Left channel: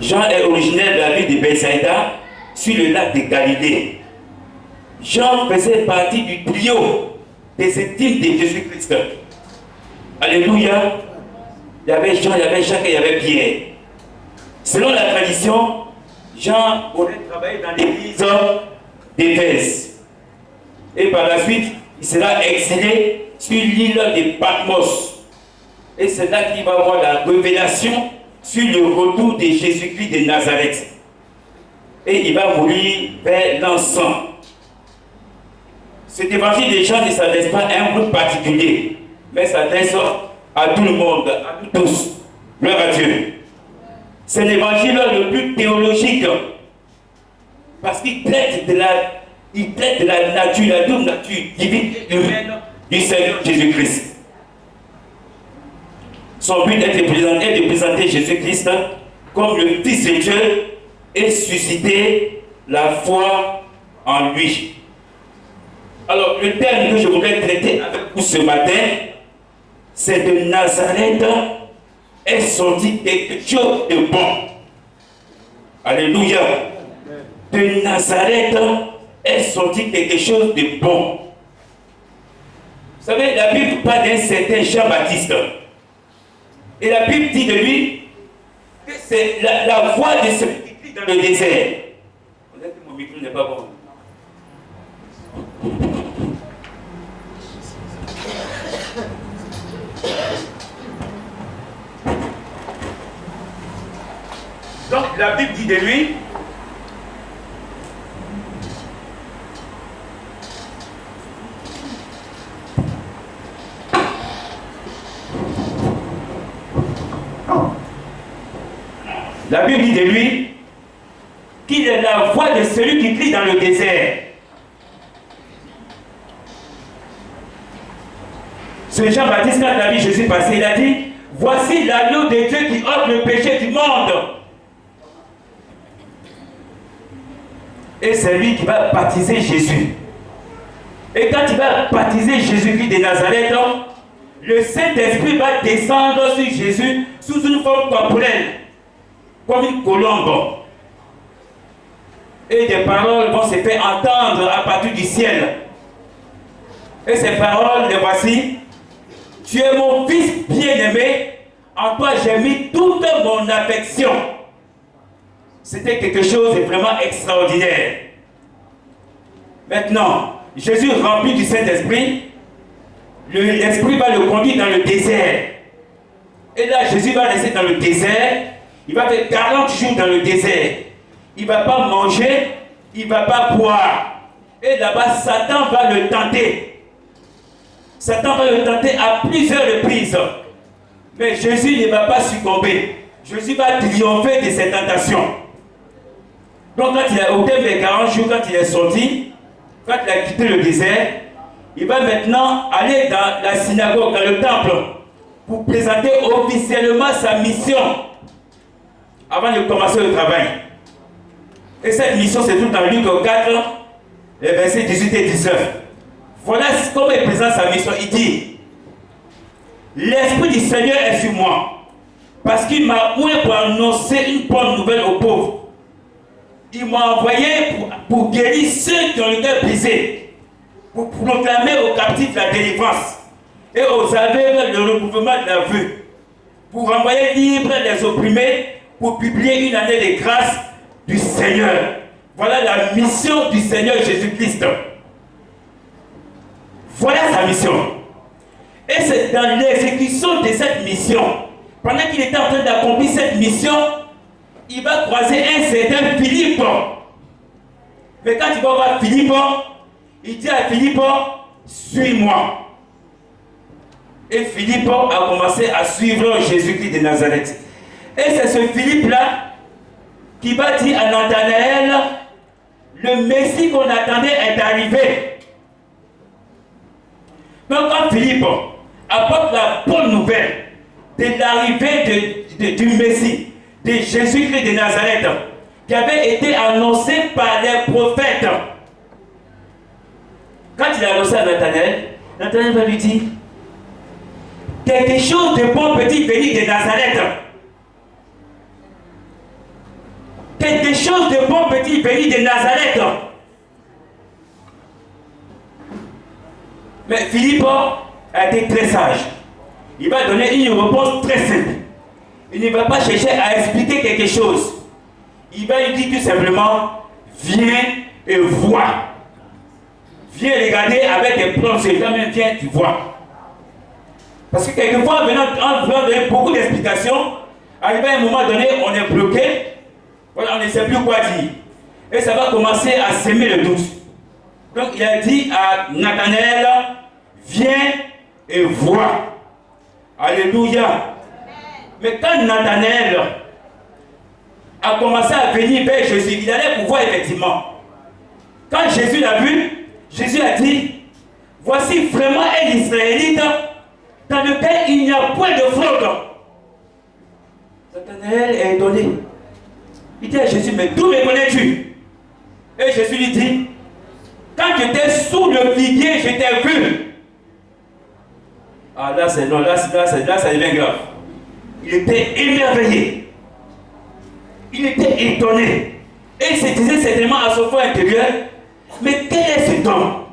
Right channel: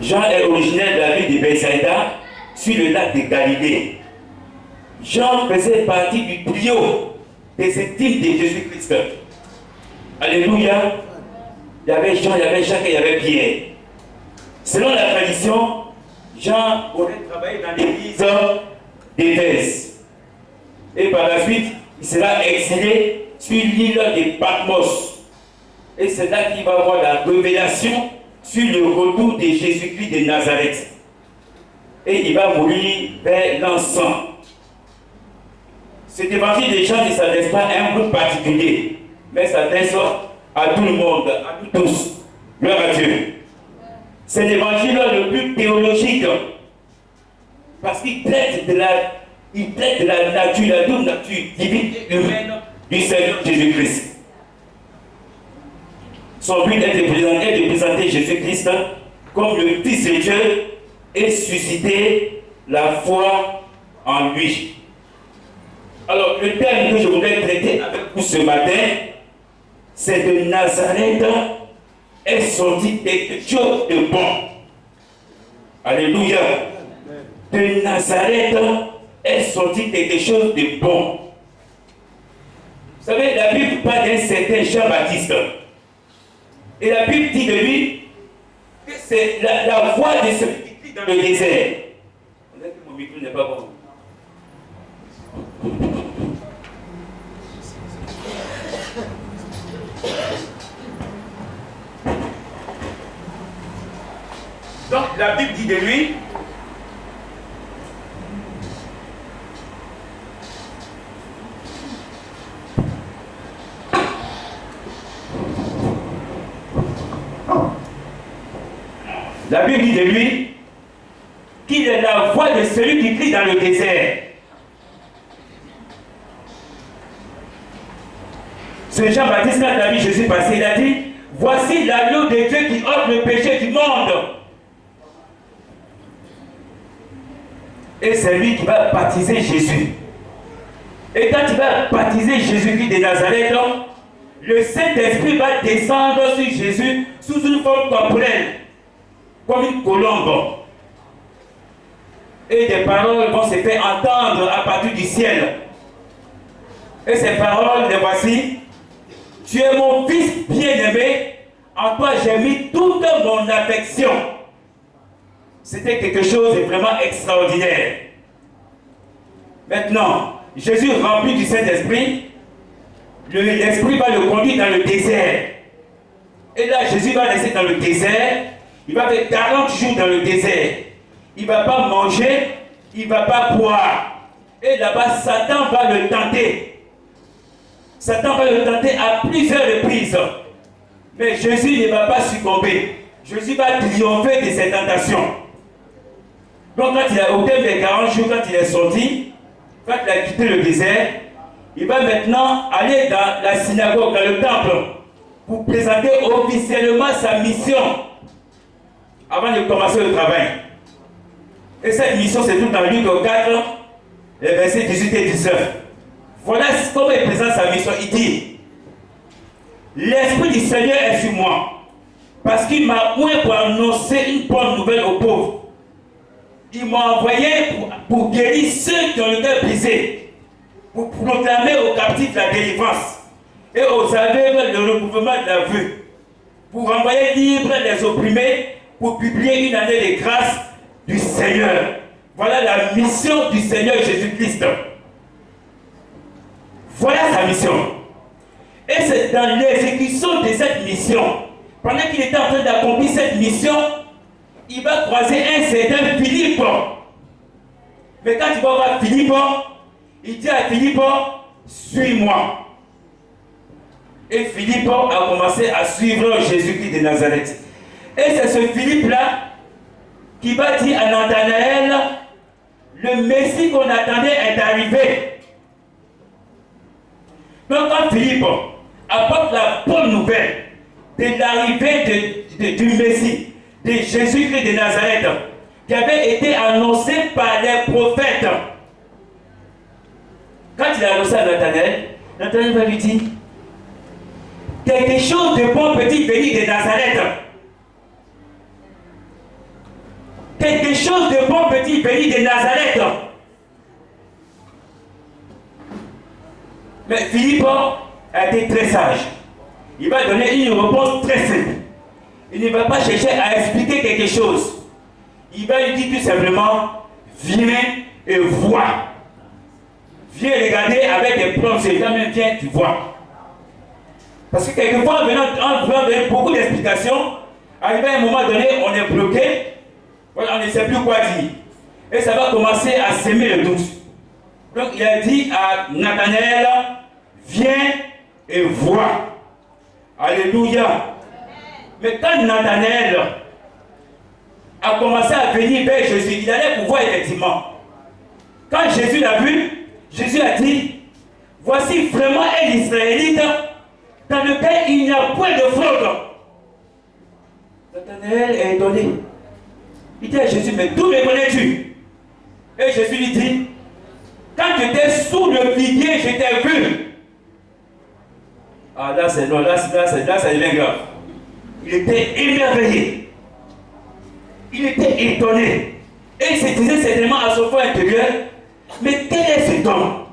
Jean est originaire de la ville de Bethsaïda, sur le lac de Galilée. Jean faisait partie du trio des intimes de Jésus-Christ. Alléluia. Il y avait Jean, il y avait Jacques et il y avait Pierre. Selon la tradition, Jean aurait travaillé dans l'église d'Éphèse. Et par la suite, il sera exilé sur l'île de Patmos. Et c'est là qu'il va avoir la révélation sur le retour de Jésus-Christ de Nazareth. Et il va mourir vers l'an 100. Cet évangile de Jean ne s'adresse pas à un groupe particulier, mais s'adresse à tout le monde, à nous tous. Gloire à Dieu. C'est l'évangile le plus théologique, parce qu'il traite de la nature, la double nature divine et humaine du Seigneur Jésus-Christ. Son but est de présenter Jésus-Christ comme le Fils de Dieu et susciter la foi en lui. Alors, le thème que je voudrais traiter avec vous ce matin, c'est de Nazareth est sorti quelque chose de bon. Alléluia. De Nazareth est sorti quelque chose de bon. Vous savez, la Bible parle d'un certain Jean-Baptiste. Et la Bible dit de lui que c'est la voix de celui qui crie dans le désert. On dirait que mon micro n'est pas bon. Donc la Bible dit de lui qu'il est la voix de celui qui crie dans le désert. Ce Jean-Baptiste, quand il a vu Jésus passer, il a dit: voici l'agneau de Dieu qui ôte le péché du monde. Et c'est lui qui va baptiser Jésus. Et quand il va baptiser Jésus-Christ de Nazareth, le Saint-Esprit va descendre sur Jésus sous une forme corporelle, comme une colombe. Et des paroles vont se faire entendre à partir du ciel. Et ces paroles, les voici: tu es mon fils bien-aimé, en toi j'ai mis toute mon affection. C'était quelque chose de vraiment extraordinaire. Maintenant, Jésus rempli du Saint-Esprit, l'Esprit va le conduire dans le désert. Et là, Jésus va rester dans le désert. Il va faire 40 jours dans le désert. Il ne va pas manger, il ne va pas boire. Et là-bas, Satan va le tenter. Satan va le tenter à plusieurs reprises. Mais Jésus ne va pas succomber. Jésus va triompher de ses tentations. Donc quand il a au terme des 40 jours, quand il est sorti, quand il a quitté le désert, il va maintenant aller dans la synagogue, dans le temple, pour présenter officiellement sa mission avant de commencer le travail. Et cette mission, c'est tout dans Luc 4, les versets 18 et 19. Voilà comment il présente sa mission. Il dit: l'Esprit du Seigneur est sur moi, parce qu'il m'a oint pour annoncer une bonne nouvelle aux pauvres. Il m'a envoyé pour guérir ceux qui ont le cœur brisé, pour proclamer aux captifs la délivrance et aux aveugles le recouvrement de la vue, pour renvoyer libres les opprimés, pour publier une année de grâce du Seigneur. Voilà la mission du Seigneur Jésus-Christ. Voilà sa mission. Et c'est dans l'exécution de cette mission, pendant qu'il était en train d'accomplir cette mission, il va croiser un certain Philippe. Mais quand il va voir Philippe, il dit à Philippe: suis-moi. Et Philippe a commencé à suivre Jésus-Christ de Nazareth. Et c'est ce Philippe-là qui va dire à Nathanaël: le Messie qu'on attendait est arrivé. Donc quand Philippe apporte la bonne nouvelle de l'arrivée du Messie, de Jésus-Christ de Nazareth, qui avait été annoncé par les prophètes, quand il a annoncé à Nathanaël, Nathanaël va lui dire: quelque chose de bon peut-il venir de Nazareth? chose de bon peut-il venir de Nazareth? Mais Philippe a été très sage. Il va donner une réponse très simple. Il ne va pas chercher à expliquer quelque chose. Il va lui dire tout simplement, viens et vois. Viens regarder avec des preuves. Jamais viens, tu vois. Parce que quelquefois, en voulant donner beaucoup d'explications, arrivé à un moment donné, on est bloqué. Voilà, on ne sait plus quoi dire. Et ça va commencer à s'aimer le doute. Donc il a dit à Nathanaël, viens et vois. Alléluia. Mais quand Nathanaël a commencé à venir vers Jésus, il allait pouvoir effectivement. Quand Jésus l'a vu, Jésus a dit, voici vraiment un Israélite dans lequel il n'y a point de fraude. Nathanaël est étonné. Il dit à Jésus, mais d'où me connais-tu? Et Jésus lui dit, quand tu étais sous le figuier, je t'ai vu. Ah là, c'est non, là, ça devient grave. Il était émerveillé. Il était étonné. Et il se disait certainement à son fort intérieur, mais quel est cet homme?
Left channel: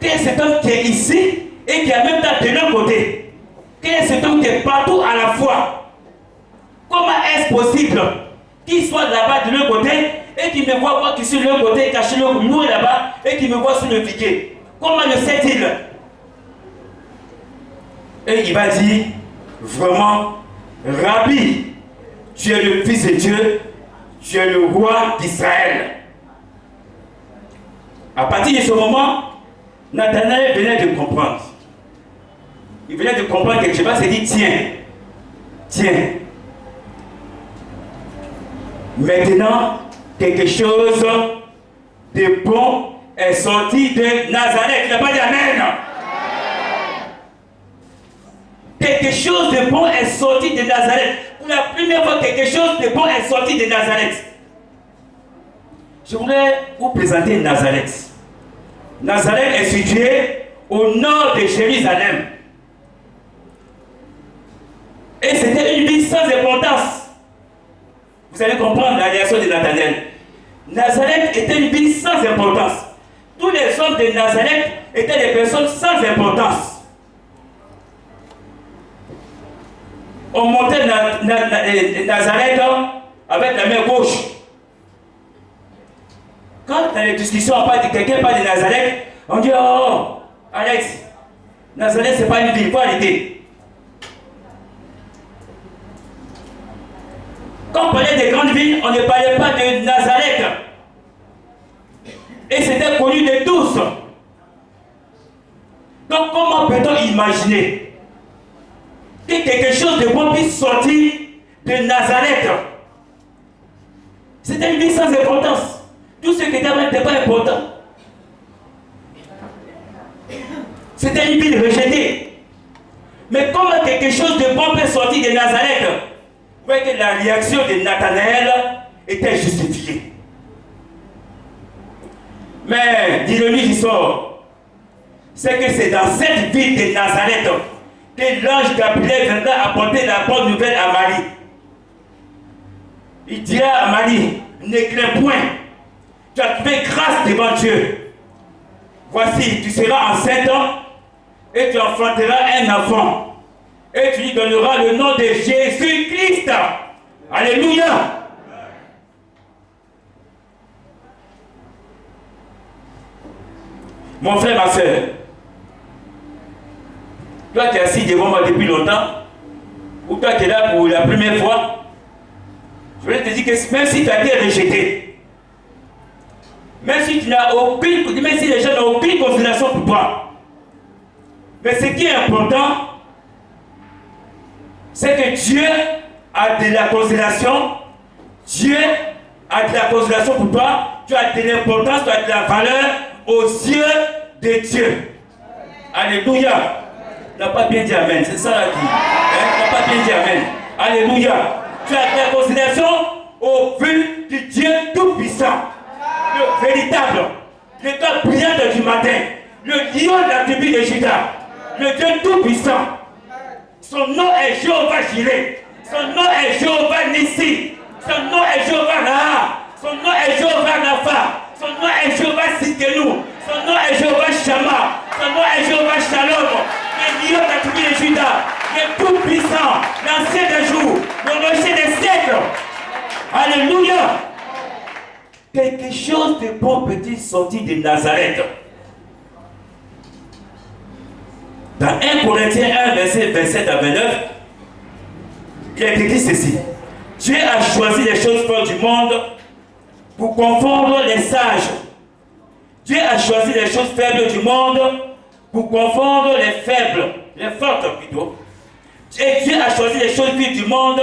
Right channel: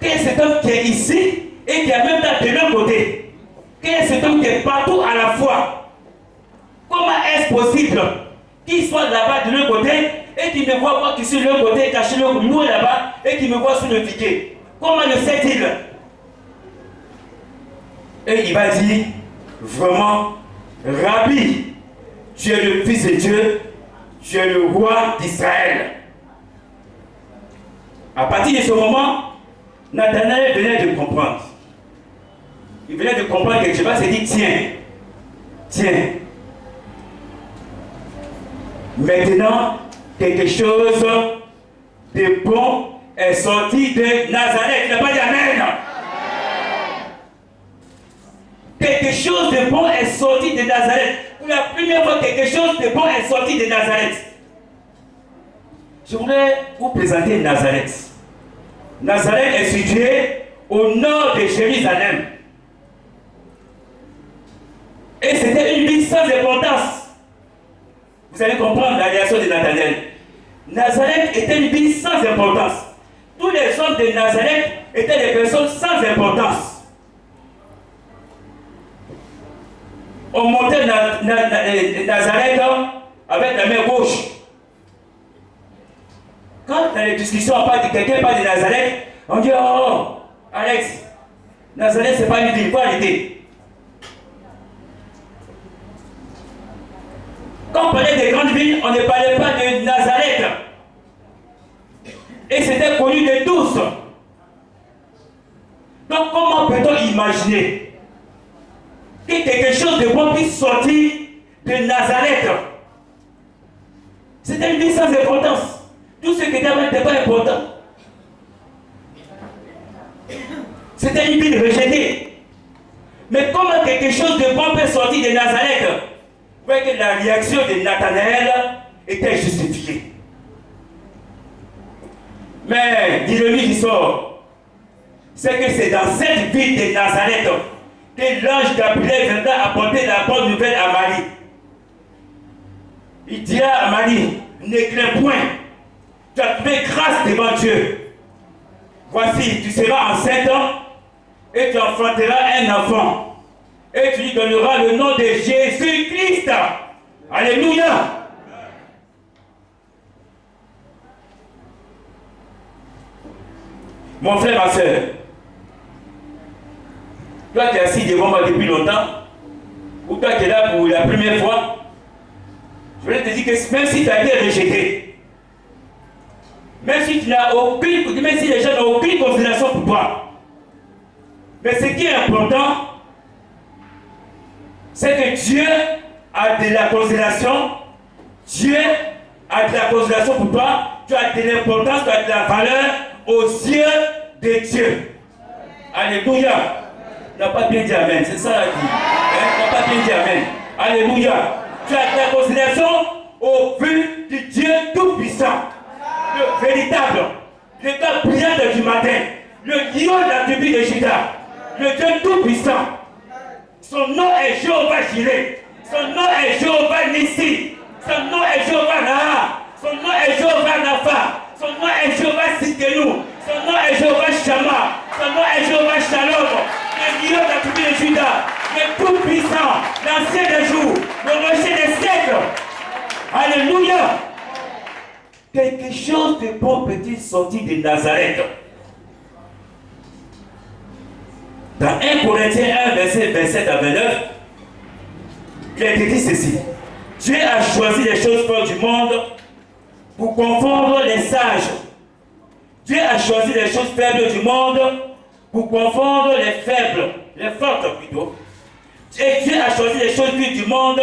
Quel est cet homme qui est ici et qui est en même temps de l'autre côté? Quel est cet homme qui est partout à la fois? Comment est-ce possible qu'il soit là-bas de l'autre côté et qu'il me voit moi qui suis de l'autre côté, caché nous là-bas et qu'il me voit sous le figuier? Comment le sait-il? Et il va dire, vraiment, Rabbi, tu es le Fils de Dieu, tu es le roi d'Israël. À partir de ce moment, Nathanaël venait de comprendre. Il venait de comprendre quelque chose. Il s'est dit, tiens. Maintenant, quelque chose de bon est sorti de Nazareth. Il n'a pas dit Amen. Quelque chose de bon est sorti de Nazareth. Pour la première fois, quelque chose de bon est sorti de Nazareth. Je voudrais vous présenter Nazareth. Nazareth est situé au nord de Jérusalem. Et c'était une ville sans importance. Vous allez comprendre la réaction de Nathanaël. Nazareth était une ville sans importance. Tous les hommes de Nazareth étaient des personnes sans importance. On montait Nazareth avec la main gauche. Quand dans les discussions, quelqu'un parle de Nazareth, on dit, oh, Alex, Nazareth, c'est pas une ville, il faut arrêter. Quand on parlait des grandes villes, on ne parlait pas de Nazareth. Et c'était connu de tous. Donc comment peut-on imaginer que quelque chose de bon puisse sortir de Nazareth? C'était une ville sans importance. Tout ce qui était là n'était pas important. C'était une ville rejetée. Mais comment quelque chose de bon peut sortir de Nazareth? Vous voyez que la réaction de Nathanaël était justifiée. Mais l'ironie du sort, c'est que c'est dans cette ville de Nazareth que l'ange Gabriel viendra apporter la bonne nouvelle à Marie. Il dira à Marie, ne crains point, tu as trouvé grâce devant Dieu. Voici, tu seras enceinte et tu enfanteras un enfant. Et tu lui donneras le nom de Jésus-Christ. Alléluia. Mon frère, ma soeur, toi qui es assis devant moi depuis longtemps, ou toi qui es là pour la première fois, je voulais te dire que même si tu as été rejeté, même si tu n'as aucune, même si les gens n'ont aucune considération pour toi, mais ce qui est important, c'est que Dieu a de la considération, Dieu a de la considération pour toi, tu as de l'importance, tu as de la valeur aux yeux de Dieu. Alléluia. Tu n'as pas bien dit Amen, c'est ça là dit. Tu n'as pas bien dit Amen. Alléluia. Tu as de la considération au vu du Dieu Tout-Puissant, le véritable, le Dieu brillant du matin, le lion de la tribu de Juda, le Dieu Tout-Puissant. Son nom est Jéhovah Jireh. Son nom est Jéhovah Nissi. Son nom est Jéhovah Raha. Son nom est Jéhovah Rapha. Son nom est Jéhovah Sidkenu. Son nom est Jéhovah Shammah. Son nom est Jéhovah Shalom. Le lion de la tribu de Juda. Le tout-puissant. L'ancien des jours. Le rocher des siècles. Alléluia. Quelque chose de bon petit sorti de Nazareth. Dans 1 Corinthiens 1, verset 27 à 29, il est écrit ceci. Dieu a choisi les choses fortes du monde pour confondre les sages. Dieu a choisi les choses faibles du monde pour confondre les faibles, les fortes plutôt. Et Dieu a choisi les choses vives du monde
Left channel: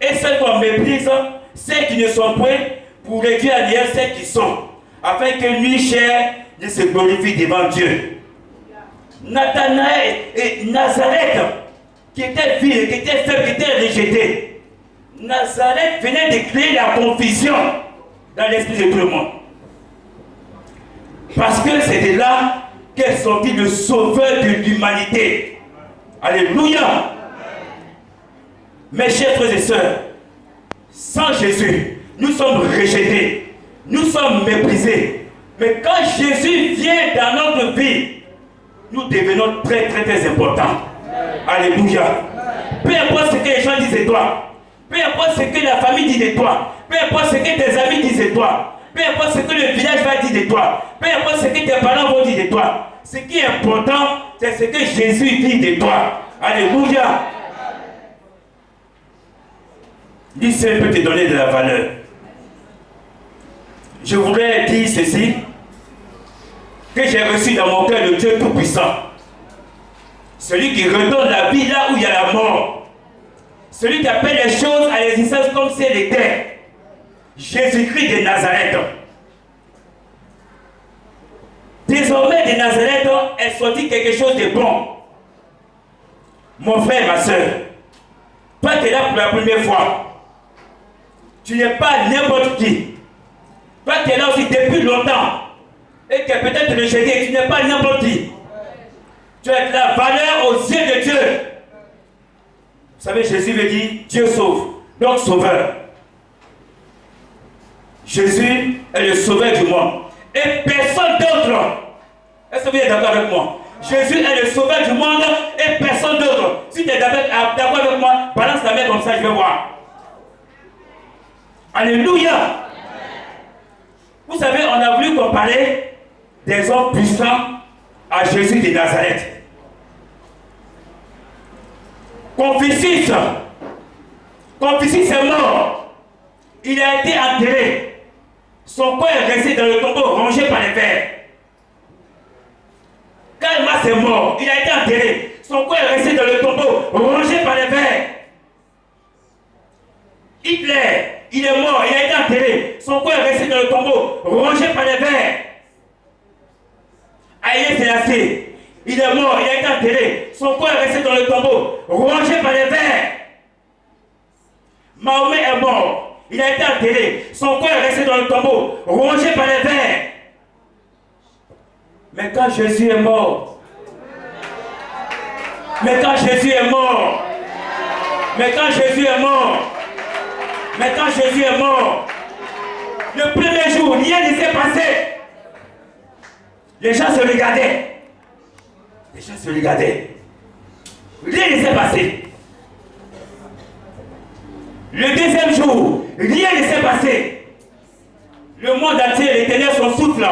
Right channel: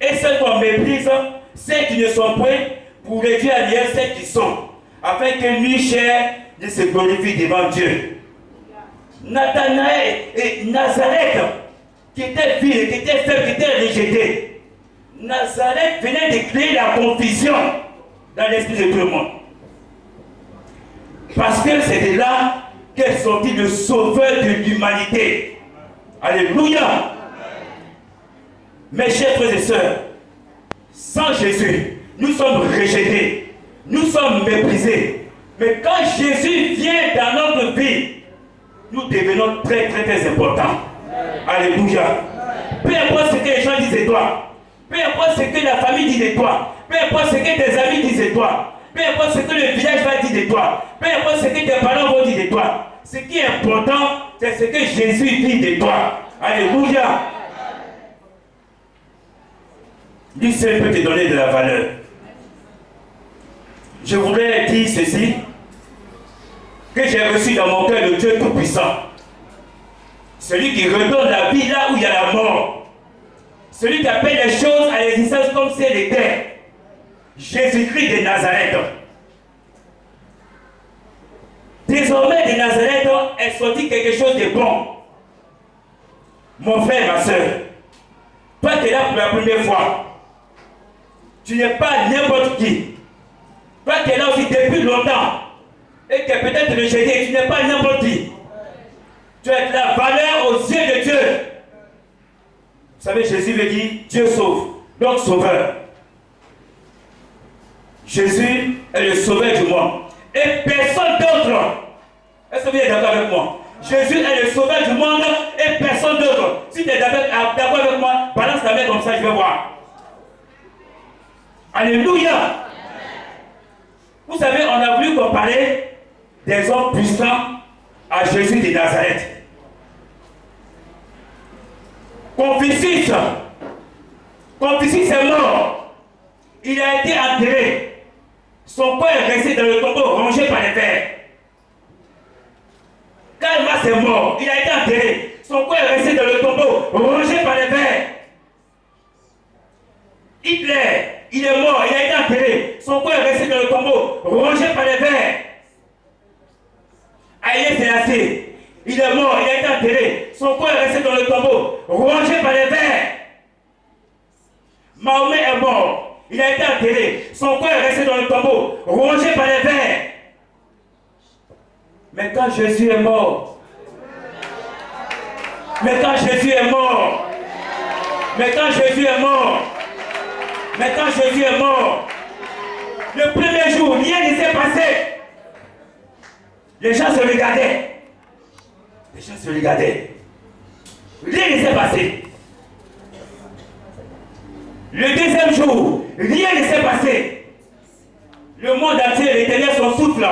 et celles qu'on méprise, celles qui ne sont point, pour réduire à l'hier celles qui sont, afin que nulle chair ne se glorifie devant Dieu. Nathanaël et Nazareth, qui était vil, qui était faible, qui était rejeté. Nazareth venait de créer la confusion dans l'esprit de tout le monde. Parce que c'était là qu'est sorti le sauveur de l'humanité. Alléluia. Mes chers frères et sœurs, sans Jésus, nous sommes rejetés, nous sommes méprisés. Mais quand Jésus vient dans notre vie, nous devenons très très très importants. Alléluia. Peu importe ce que les gens disent de toi, peu importe ce que la famille dit de toi, peu importe ce que tes amis disent de toi, peu importe ce que le village va dire de toi, peu importe ce que tes parents vont dire de toi, ce qui est important, c'est ce que Jésus dit de toi. Alléluia. Lui seul peut te donner de la valeur. Je voudrais dire ceci, que j'ai reçu dans mon cœur le Dieu Tout-Puissant. Celui qui redonne la vie là où il y a la mort. Celui qui appelle les choses à l'existence comme si elles étaient. Jésus-Christ de Nazareth. Désormais de Nazareth est sorti quelque chose de bon. Mon frère, ma soeur, toi qui es là pour la première fois, tu n'es pas n'importe qui. Toi qui es là aussi depuis longtemps, et que peut-être rejeté, tu n'es pas n'importe qui. Tu as de la valeur aux yeux de Dieu. Vous savez, Jésus veut dire Dieu sauve, donc sauveur. Jésus est le sauveur du monde. Et personne d'autre. Est-ce que vous êtes d'accord avec moi? Jésus est le sauveur du monde et personne d'autre. Si tu es d'accord avec moi, balance ta main comme ça, je vais voir. Alléluia. Vous savez, on a voulu comparer des hommes puissants à Jésus de Nazareth. Confucius est mort. Il a été enterré. Son corps est resté dans le tombeau rongé par les vers. Karl Marx est mort. Il a été enterré. Son corps est resté dans le tombeau rongé par les vers. Hitler, il est mort. Il a été enterré. Son corps est resté dans le tombeau rongé par les vers. Haïlé Sélassié, il est mort, il a été enterré. Son corps est resté dans le tombeau, rongé par les vers. Mahomet est mort, il a été enterré. Son corps est resté dans le tombeau, rongé par les vers. Mais quand Jésus est mort, mais quand Jésus est mort, mais quand Jésus est mort, mais quand Jésus est mort, le premier jour, rien ne s'est passé. Les gens se regardaient. Les gens se regardaient. Rien ne s'est passé. Le deuxième jour, rien ne s'est passé. Le monde entier, les ténèbres sont souffle.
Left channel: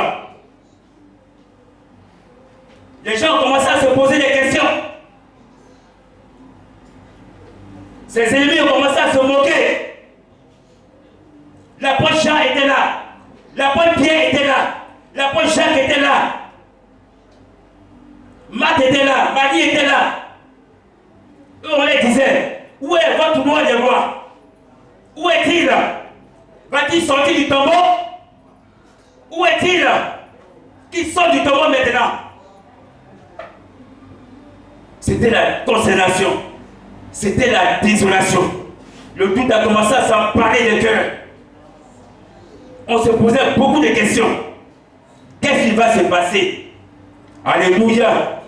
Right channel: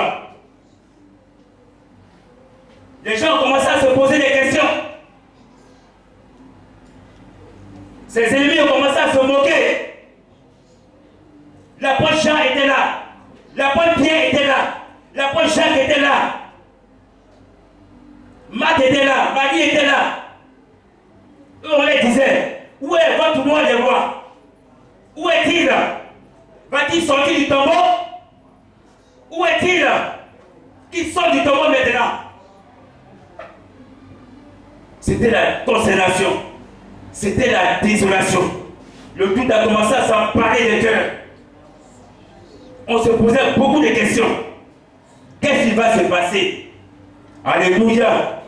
Les gens ont commencé à se poser des questions. Ses ennemis ont commencé à se moquer. L'apôtre Jean était là. L'apôtre Pierre était là. L'apôtre Jacques était là. Marc était là. Marie était là. Eux, on les disait, où est votre roi des rois? Où est-il? Va-t-il sortir du tombeau? Où est-il? Qui sort du tombeau maintenant? C'était la consternation. C'était la désolation. Le doute a commencé à s'emparer des cœurs. On se posait beaucoup de questions. Qu'est-ce qui va se passer? Alléluia.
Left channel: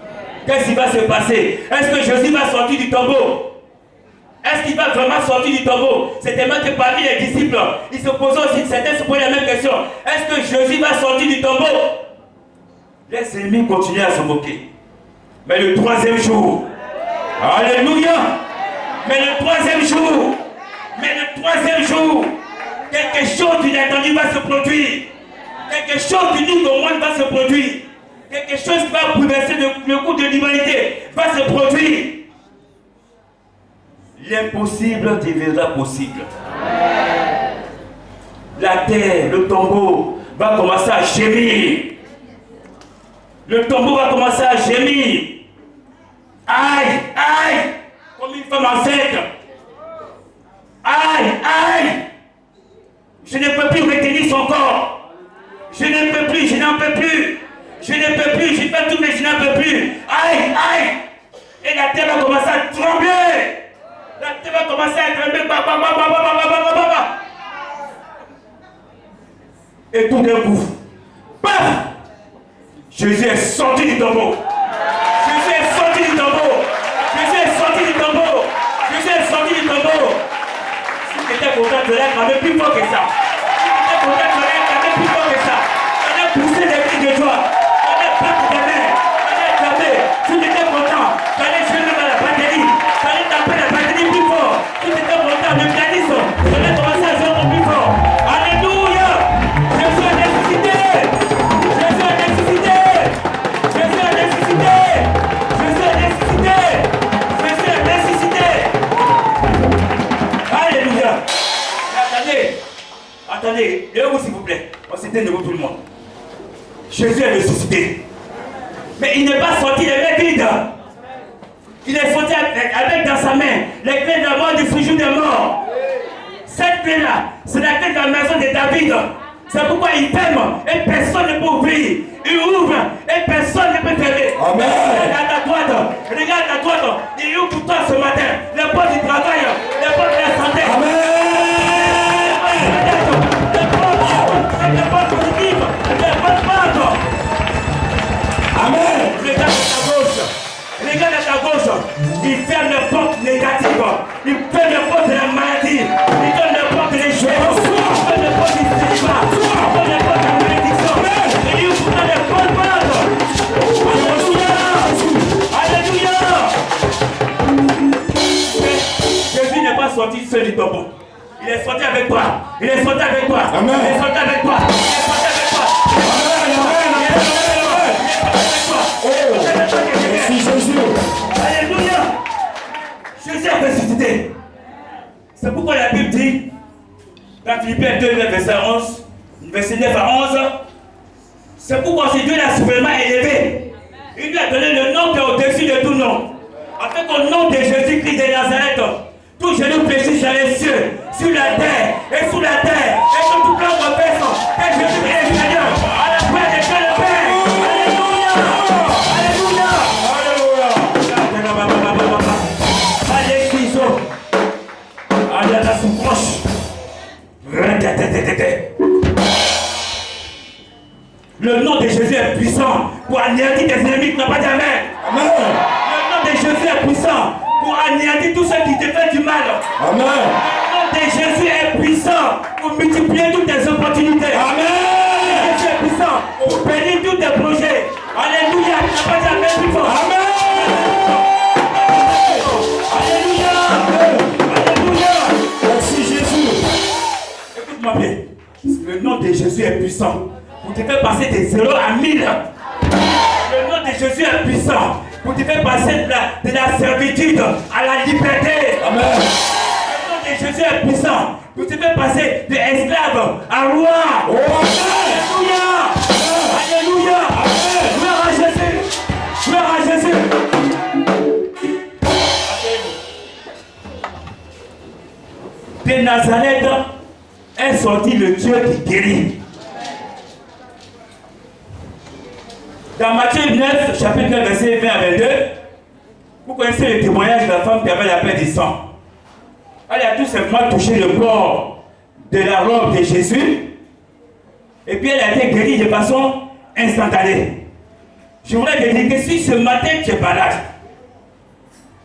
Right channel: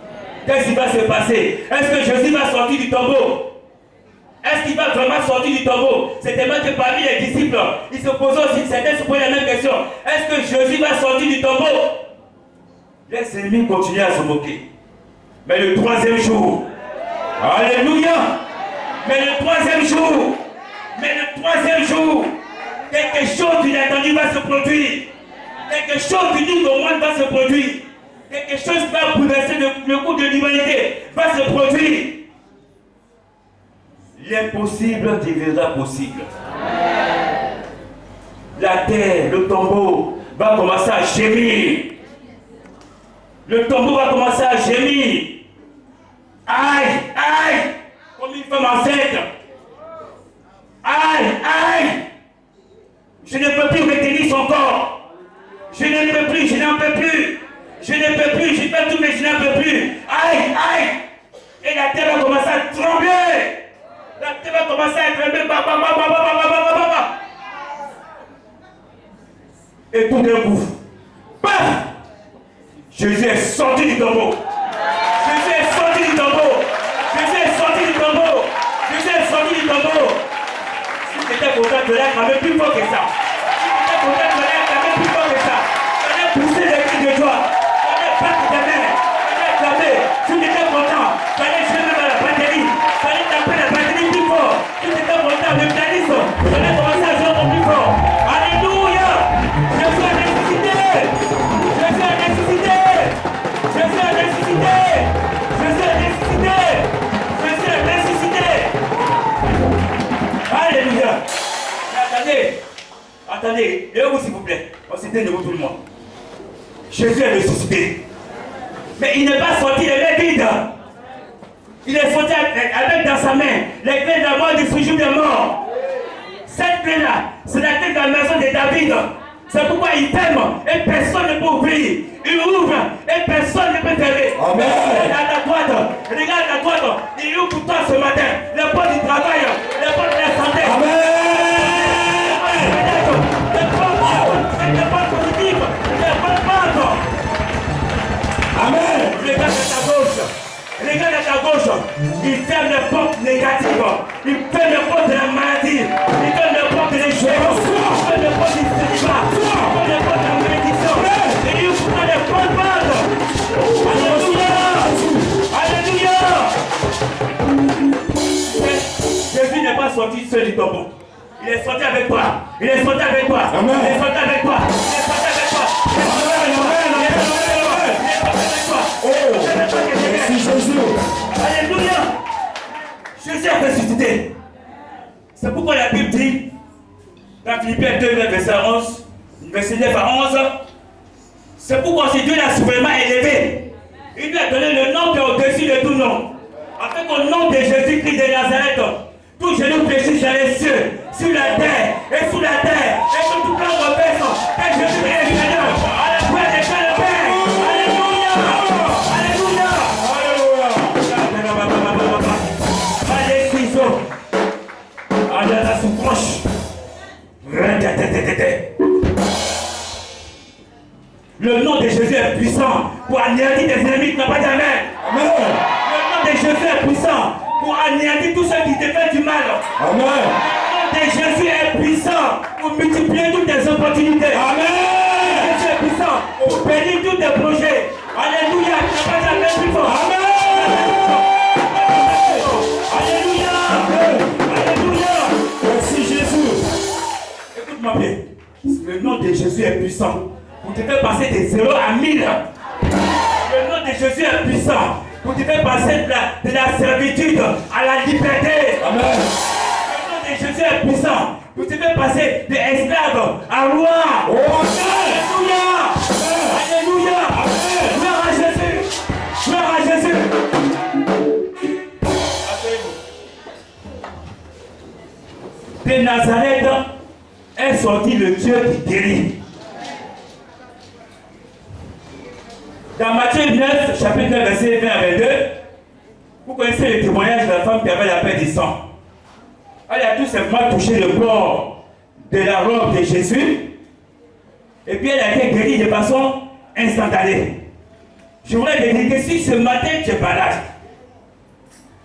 Qu'est-ce qui va se passer? Est-ce que Jésus va sortir du tombeau? Est-ce qu'il va vraiment sortir du tombeau? C'est tellement que parmi les disciples, ils se posaient aussi, certains se posaient la même question. Est-ce que Jésus va sortir du tombeau? Les ennemis continuaient à se moquer. Mais le troisième jour, alléluia, mais le troisième jour, quelque chose d'inattendu va se produire. Quelque chose d'unique au monde va se produire. Quelque chose qui va bouleverser le cours de l'humanité va se produire. L'impossible deviendra possible. La terre, le tombeau va commencer à gémir. Le tombeau va commencer à gémir. Aïe, aïe, comme une femme enceinte. Aïe, aïe. Je ne peux plus retenir son corps. Je ne peux plus, je n'en peux plus. Je ne peux plus, je fais tout mais je n'en peux plus. Aïe, aïe. Et la terre va commencer à trembler. La terre va commencer à trembler. Et tout d'un coup, paf, Jésus est sorti du tombeau. Jésus est sorti du tombeau. Jésus est sorti du tombeau. Jésus est sorti du tombeau. Si tu étais content de l'air, quand même plus fort que ça. Si tu étais content de l'air, quand même plus fort que ça. On a poussé les cris de joie. On a battu des mains. On a tapé. Si tu étais content, tu allais jouer dans la batterie. Tu allais taper la batterie plus fort. Si tu étais content, le pianiste, tu allais commencer à jouer encore plus fort. Alléluia. Jésus a ressuscité. Jésus a ressuscité. Jésus a ressuscité. Jésus a ressuscité. Jésus a ressuscité. Alléluia. Attendez, levez-vous s'il vous plaît. On s'était debout tout le monde. Jésus est ressuscité. Mais il n'est pas sorti les mains vides. Il est sorti avec dans sa main les clés de la mort du séjour des morts. Cette clé-là, c'est la clé de la maison de David. C'est pourquoi il t'aime et personne ne peut ouvrir. Il ouvre et personne ne peut fermer. Amen. Regarde à droite. Il ouvre pour toi ce matin. Les portes du travail, les portes de la santé. Amen. Les portes positives, les portes mortes. Amen. Regarde à ta gauche. Il ferme les portes négatives. Il ferme les portes de la maladie. Il donne les portes des choses. Il donne les portes du célibat. Il donne les portes de la malédiction. Et il ouvre les portes mortes. Alléluia. Alléluia. Jésus n'est pas sorti seul du tombeau. Il est sorti avec toi. Il est sorti avec toi. Amen. Il est sorti avec toi. Il est sorti avec toi. Merci Jésus. Alléluia. Jésus a ressuscité. C'est pourquoi la Bible dit, dans Philippiens 2, verset 11, verset 9 à 11, c'est pourquoi si Dieu l'a souverainement élevé, il lui a donné le nom qui est au-dessus de tout nom. Afin qu'au nom de Jésus-Christ de Nazareth, tout genou fléchisse dans les cieux, sur la terre et sous la terre, et que tout plan confesse que Jésus est Seigneur, à la foi des Pères de Père. Alléluia. Allez à la sous-proche. Le nom de Jésus est puissant pour anéantir tes ennemis qui n'ont pas d'amen. Amen. Le nom de Jésus est puissant pour anéantir tous ceux qui te font du mal. Amen. Le nom de Jésus est puissant pour multiplier toutes tes opportunités. Amen. Jésus est puissant pour bénir tous tes projets. Alléluia. Tu n'as pas d'amen plus fort. Amen. Écoute-moi bien, le nom de Jésus est puissant pour te faire passer de 0 à 1000. Le nom de Jésus est puissant pour te faire passer de la servitude à la liberté. Amen. Le nom de Jésus est puissant pour te faire passer de esclave à roi. Oh, Alléluia. Alléluia. Gloire à Jésus. Gloire à Jésus. De Nazareth est sorti le Dieu qui guérit. Dans Matthieu 9, chapitre 9, verset 20 à 22, vous connaissez le témoignage de la femme qui avait la perte du sang. Elle a tout simplement touché le bord de la robe de Jésus et puis elle a été guérie de façon instantanée. Je voudrais te dire que si ce matin tu es malade,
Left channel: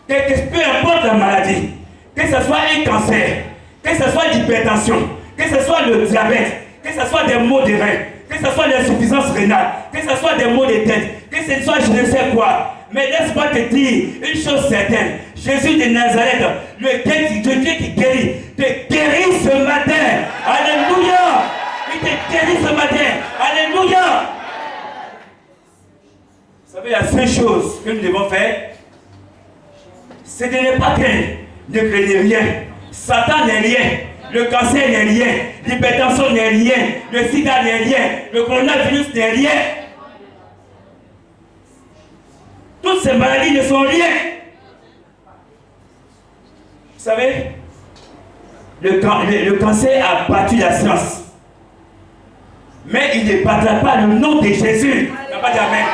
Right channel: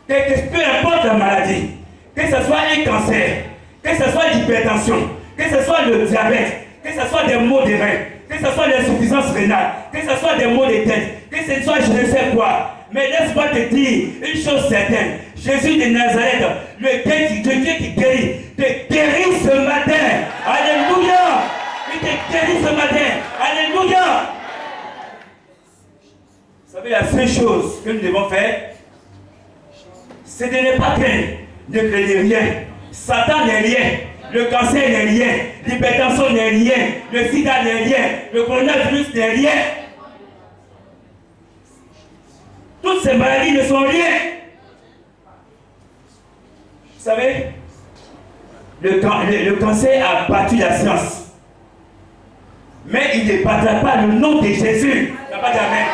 peu importe la maladie, que ce soit un cancer, que ce soit l'hypertension, que ce soit le diabète, que ce soit des maux de reins, que ce soit l'insuffisance rénale, que ce soit des maux de tête, que ce soit je ne sais quoi. Mais laisse-moi te dire une chose certaine. Jésus de Nazareth, le Dieu qui guérit, te guérit ce matin. Alléluia. Il te guérit ce matin. Alléluia. Vous savez, la seule chose que nous devons faire, c'est de ne pas craindre. Ne craignez rien. Satan n'est rien. Le cancer n'est rien. L'hypertension n'est rien. Le sida n'est rien. Le coronavirus n'est rien. Toutes ces maladies ne sont rien. Vous savez, le cancer a battu la science. Mais il ne battra pas le nom de Jésus. Il n'y a pas d'amen.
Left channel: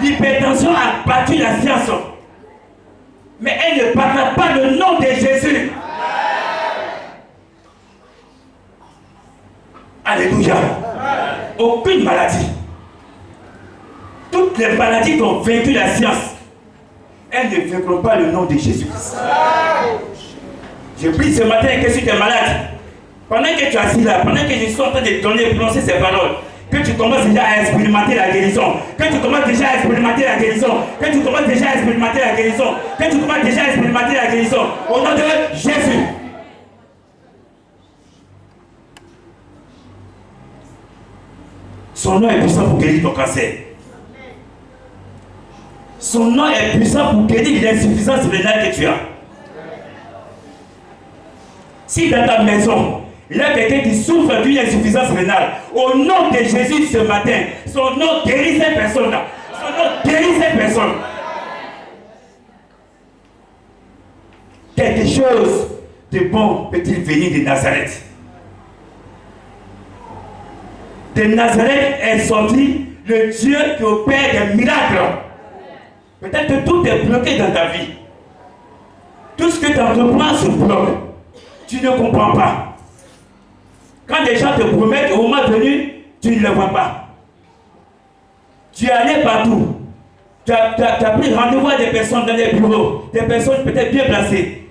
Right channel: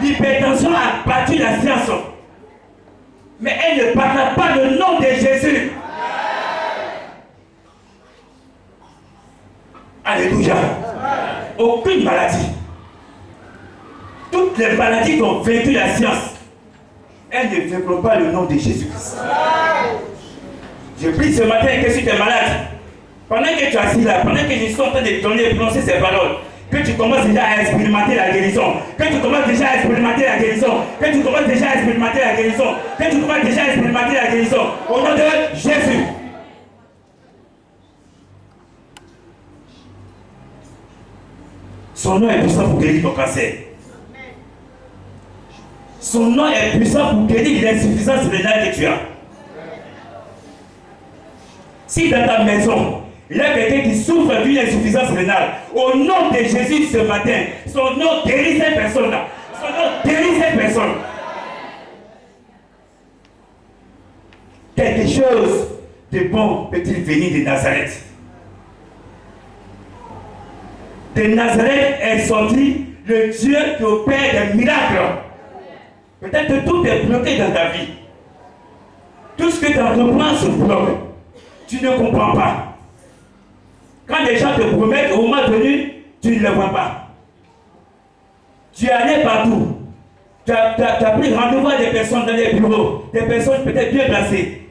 L'hypertension a battu la science. Mais elle ne battra pas le nom de Jésus. Alléluia. Aucune maladie. Toutes les maladies qui ont vaincu la science, elles ne vaincront pas le nom de Jésus-Christ. Je prie ce matin que si tu es malade, pendant que tu es assis là, pendant que je suis en train de te donner et prononcer ces paroles, que tu commences déjà à expérimenter la guérison, que tu commences déjà à expérimenter la guérison, que tu commences déjà à expérimenter la guérison, que tu commences déjà à expérimenter la guérison, au nom de Jésus. Son nom est puissant pour guérir ton cancer. Son nom est puissant pour guérir l'insuffisance rénale que tu as. Si dans ta maison, il y a quelqu'un qui souffre d'une insuffisance rénale, au nom de Jésus ce matin, son nom guérit cette personne-là. Son nom guérit cette personne. Quelque chose de bon peut-il venir de Nazareth? De Nazareth est sorti le Dieu qui opère des miracles. Peut-être que tout est bloqué dans ta vie. Tout ce que tu entreprends se bloque. Tu ne comprends pas. Quand les gens te promettent, au moment venu, tu ne le vois pas. Tu es allé partout. Tu as pris rendez-vous à des personnes dans les bureaux, des personnes peut-être bien placées.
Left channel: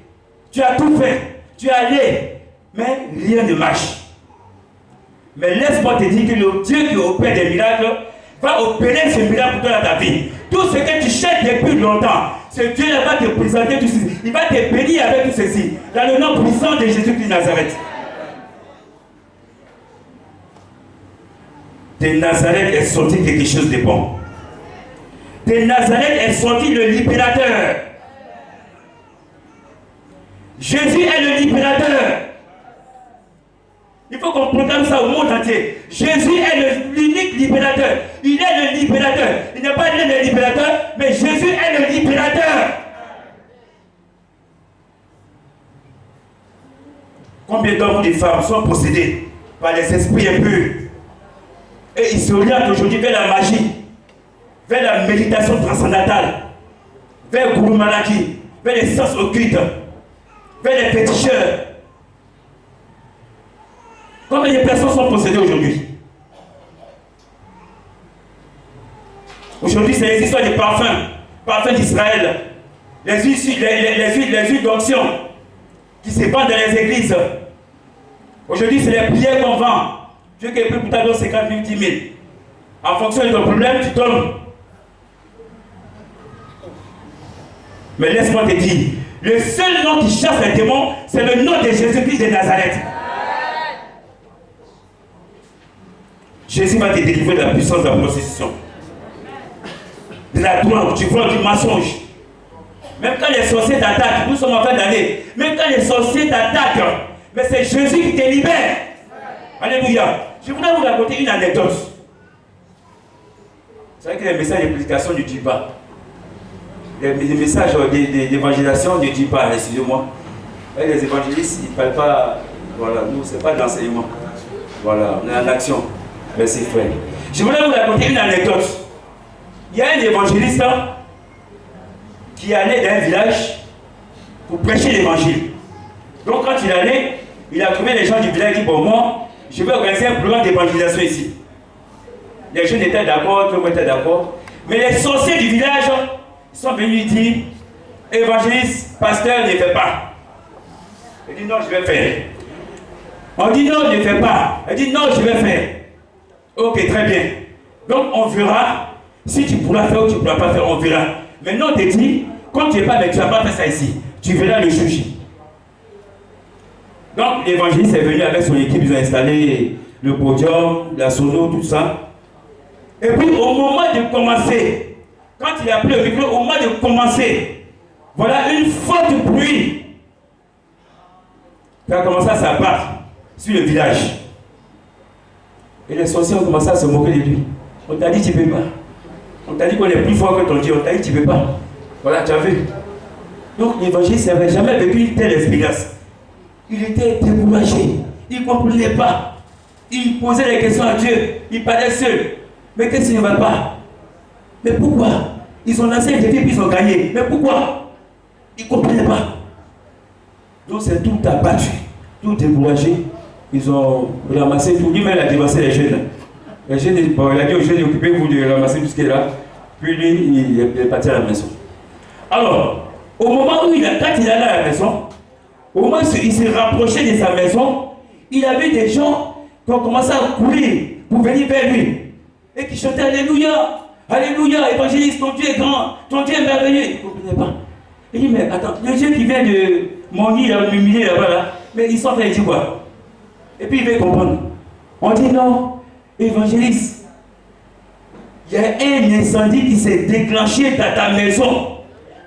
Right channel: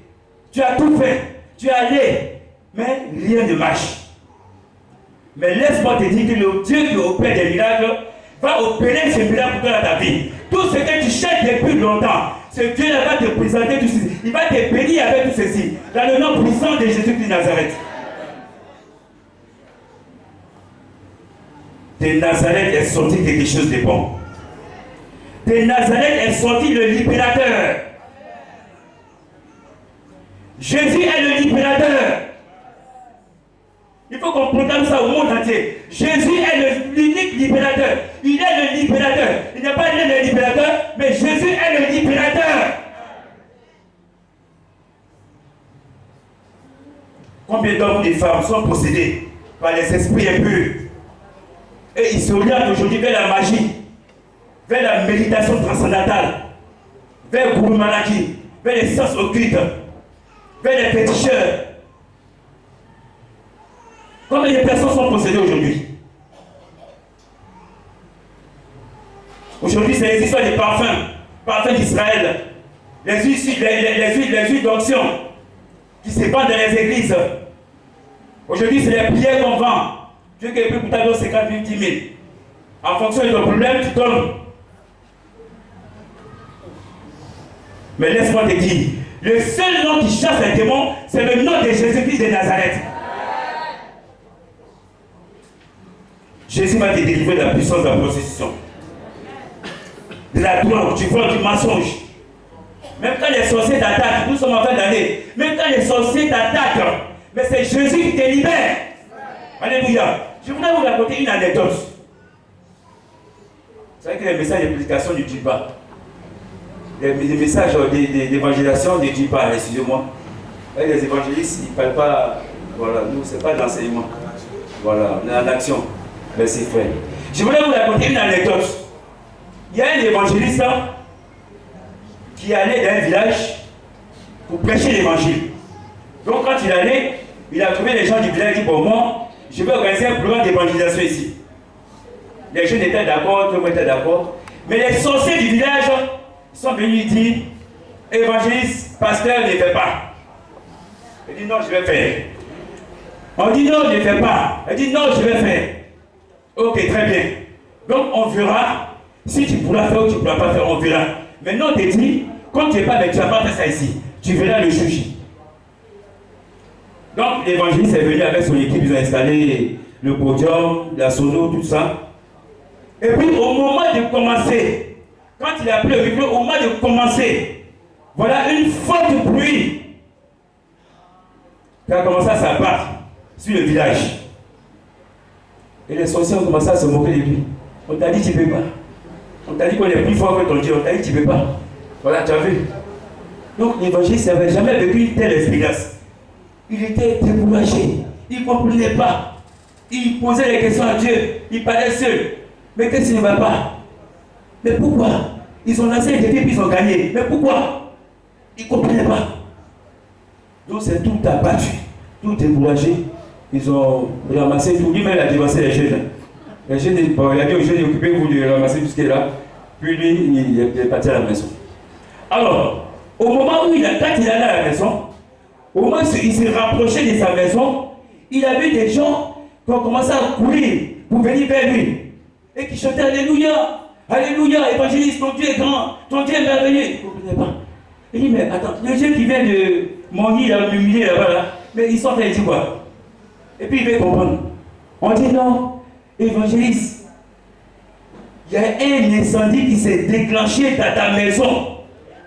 Tu as tout fait. Tu es allé, mais rien ne marche. Mais laisse-moi te dire que le Dieu qui opère des miracles va opérer ce miracle pour toi dans ta vie. Tout ce que tu cherches depuis longtemps, ce Dieu va te présenter tout ceci. Il va te bénir avec tout ceci. Dans le nom puissant de Jésus-Christ de Nazareth. De Nazareth est sorti quelque chose de bon. De Nazareth est sorti le libérateur. Jésus est le libérateur. Il faut qu'on proclame ça au monde entier. Jésus est l'unique libérateur. Il est le libérateur. Il n'est pas le libérateur, mais Jésus est le libérateur. Combien d'hommes ou de femmes sont possédés par les esprits impurs et ils s'orientent aujourd'hui vers la magie, vers la méditation transcendantale, vers Guru Malaki, vers les sens occultes, vers les féticheurs. Combien de personnes sont possédées aujourd'hui? Aujourd'hui, c'est les histoires des parfums d'Israël, les huiles d'onction qui se vendent dans les églises. Aujourd'hui, c'est les prières qu'on vend. Dieu qui peut pour ta donner 50 000, 10 000. En fonction de ton problème, tu donnes. Mais laisse-moi te dire, le seul nom qui chasse les démons, c'est le nom de Jésus-Christ de Nazareth. Jésus va te délivrer de la puissance de la prostitution, de la drogue, du vol, du mensonge. Même quand les sorciers t'attaquent, nous sommes en fin d'année, même quand les sorciers t'attaquent, mais c'est Jésus qui te libère. Alléluia. Je voudrais vous raconter une anecdote. Vous savez que les messages de prédication ne durent pas. Les messages d'évangélisation ne durent pas, excusez-moi. Les évangélistes, ils ne parlent pas. Voilà, nous, ce n'est pas de l'enseignement. Voilà, on est en action. Merci frère. Je voulais vous raconter une anecdote. Il y a un évangéliste qui allait dans un village pour prêcher l'évangile. Donc quand il allait, il a trouvé les gens du village, il dit, bon moi, je vais organiser un programme d'évangélisation ici. Les jeunes étaient d'accord, tout le monde était d'accord. Mais les sorciers du village sont venus dire, évangéliste, pasteur, ne fait pas. Elle dit non, je vais faire. On dit non, ne fais pas. Elle dit non, je vais faire. Ok, très bien. Donc on verra si tu pourras faire ou tu ne pourras pas faire, on verra. Maintenant on te dit, comme tu n'es pas, mais tu n'as pas fait ça ici. Tu verras le juge. Donc l'évangéliste est venu avec son équipe, ils ont installé le podium, la sono, tout ça. Et puis au moment de commencer, quand il a appelé le micro, au moment de commencer, voilà une forte pluie qui a commencé à s'abattre sur le village. Et les sorciers ont commencé à se moquer de lui. On t'a dit tu ne peux pas. On t'a dit qu'on est plus fort que ton Dieu. On t'a dit tu ne peux pas. Voilà, tu as vu. Donc l'évangéliste n'avait jamais vécu une telle expérience. Il était découragé. Il ne comprenait pas. Il posait des questions à Dieu. Il parlait seul. Mais qu'est-ce qui ne va pas? Mais pourquoi? Ils ont lancé un défi puis ils ont gagné. Mais pourquoi? Ils ne comprenaient pas. Donc c'est tout abattu, tout découragé. Ils ont ramassé tout. Lui-même, il a dévancé les jeunes. Les jeunes, bon, il a dit aux jeunes, occupez-vous de ramasser tout ce qui est là. Puis lui, il est parti à la maison. Alors, au moment où quand il allait à la maison, au moment où il s'est rapproché de sa maison, il a vu des gens qui ont commencé à courir pour venir vers lui. Et qui chantaient Alléluia, Alléluia, évangéliste, ton Dieu est grand, ton Dieu est merveilleux. Il ne comprenait pas. Il dit, mais attends, le Dieu qui vient de mon lit, m'humilier là-bas, là, mais il sort et il dit quoi? Et puis il veut comprendre. On dit non, évangéliste, il y a un incendie qui s'est déclenché dans ta maison.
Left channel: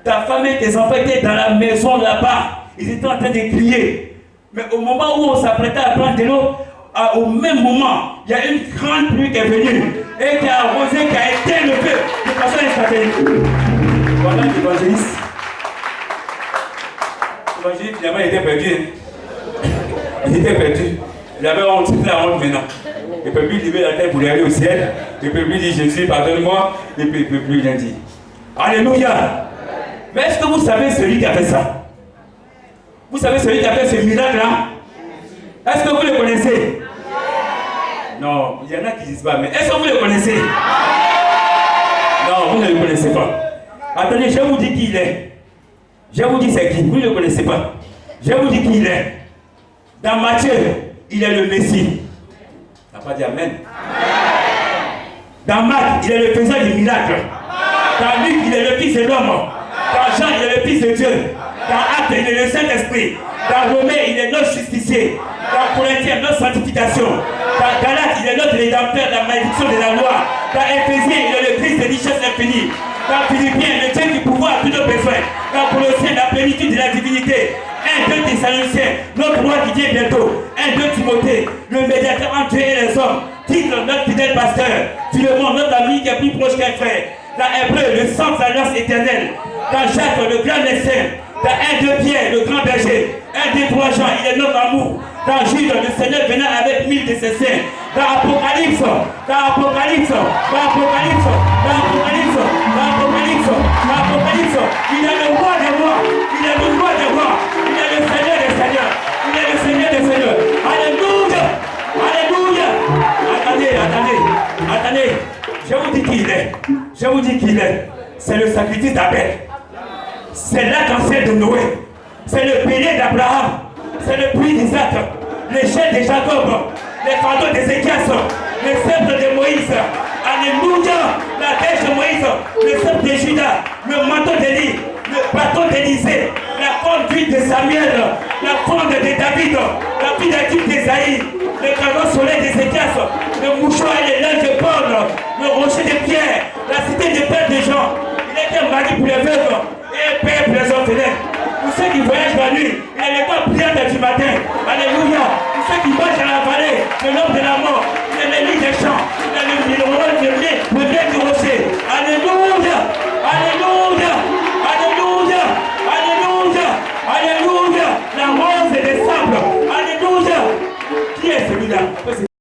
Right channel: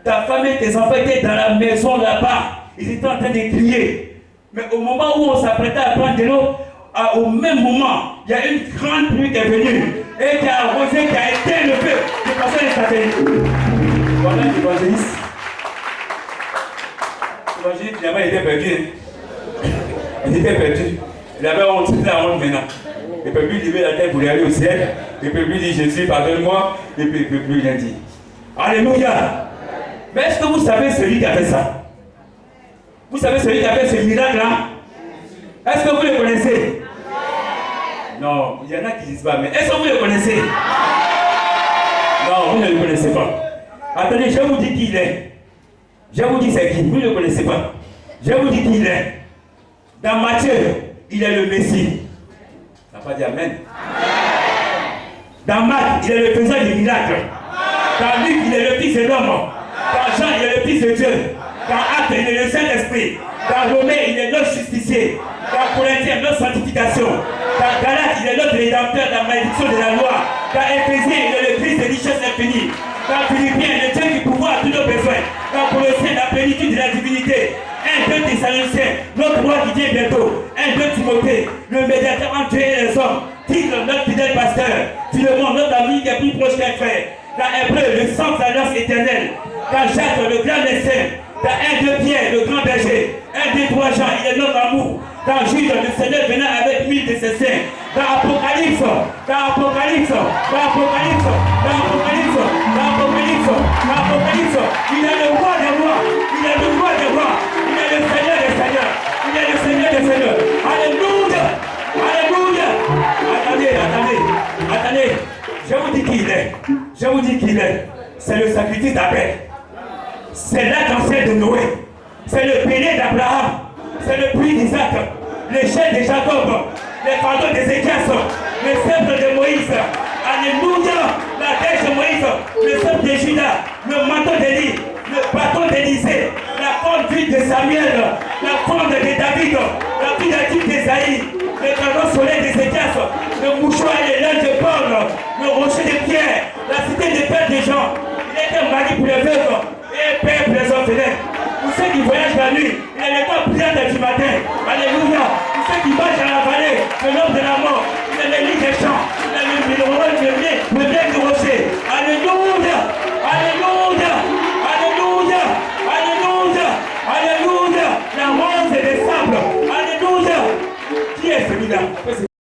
Ta femme et tes enfants étaient dans la maison là-bas. Ils étaient en train de crier. Mais au moment où on s'apprêtait à prendre de l'eau, au même moment, il y a une grande pluie qui est venue et qui a arrosé, qui a éteint le feu de façon instantanée. Voilà l'évangéliste. L'évangéliste, finalement, il était perdu. Il était perdu. Il avait honte, c'était la honte maintenant. Il ne peut plus lever la tête pour aller au ciel. Il ne peut plus dire Jésus, pardonne-moi. Il ne peut plus rien dire. Alléluia. Mais est-ce que vous savez celui qui a fait ça? Vous savez celui qui a fait ce miracle-là? Est-ce que vous le connaissez? Non, il y en a qui disent pas, mais est-ce que vous le connaissez? Non, vous ne le connaissez pas. Attendez, je vous dis qui il est. Je vous dis c'est qui, vous ne le connaissez pas. Je vous dis qui il est. Dans Matthieu, il est le Messie. Ça n'a pas dit Amen. Dans Marc, il est le faiseur du miracle. Dans Luc, il est le fils de l'homme. Dans Jean, il est le fils de Dieu. Dans Actes, il est le Saint-Esprit. Dans Romains, il est notre justicier. Dans Corinthiens, notre sanctification. Dans Galates, il est notre rédempteur, la malédiction de la loi. Dans Éphésiens, il est le Christ de richesse infinie. Dans Philippiens, le Dieu qui pourvoit à tous nos besoins. Dans Colossiens, la plénitude de la divinité. 1, 2 Thessaloniciens, notre roi qui vient bientôt. 1, 2 Timothée, le médiateur entre Dieu et les hommes. Titre, notre fidèle pasteur. Philemon, notre ami qui est plus proche qu'un frère. Dans Hébreu, le sang de l'alliance éternelle. Dans Jacques, le grand médecin. Dans 1, 2 Pierre, le grand berger. 1, 2, 3 Jean, il est notre amour. Dans Jude, le Seigneur venant avec 1000 de ses saints. Dans Apocalypse, il est le roi des rois, il est le roi des rois, il est le Seigneur des seigneurs, il est le Seigneur des seigneurs. Alléluia, alléluia. Attendez, je vous dis qui il est, c'est le sacrifice d'Abel, c'est l'arc-en-ciel de Noé, c'est le bélier d'Abraham, c'est le puits d'Isaac, les chaînes de Jacob, les fardeaux d'Ézéchias, les sceptres de Moïse. Alléluia, la dèche de Moïse, le sceptre de Judas, le manteau d'Élie, le bâton d'Élysée, la conduite de Samuel, la fronde de David, la filature d'Ésaïe, le canon soleil d'Ézéchias, le mouchoir et l'œil de Paul, le rocher de Pierre, la cité de Père de Jean. Il était mari pour les veuves et père pour les orphelins. Pour ceux qui voyagent la nuit, il est le temps prière du matin. Alléluia. Pour ceux qui marchent dans la vallée, le nom de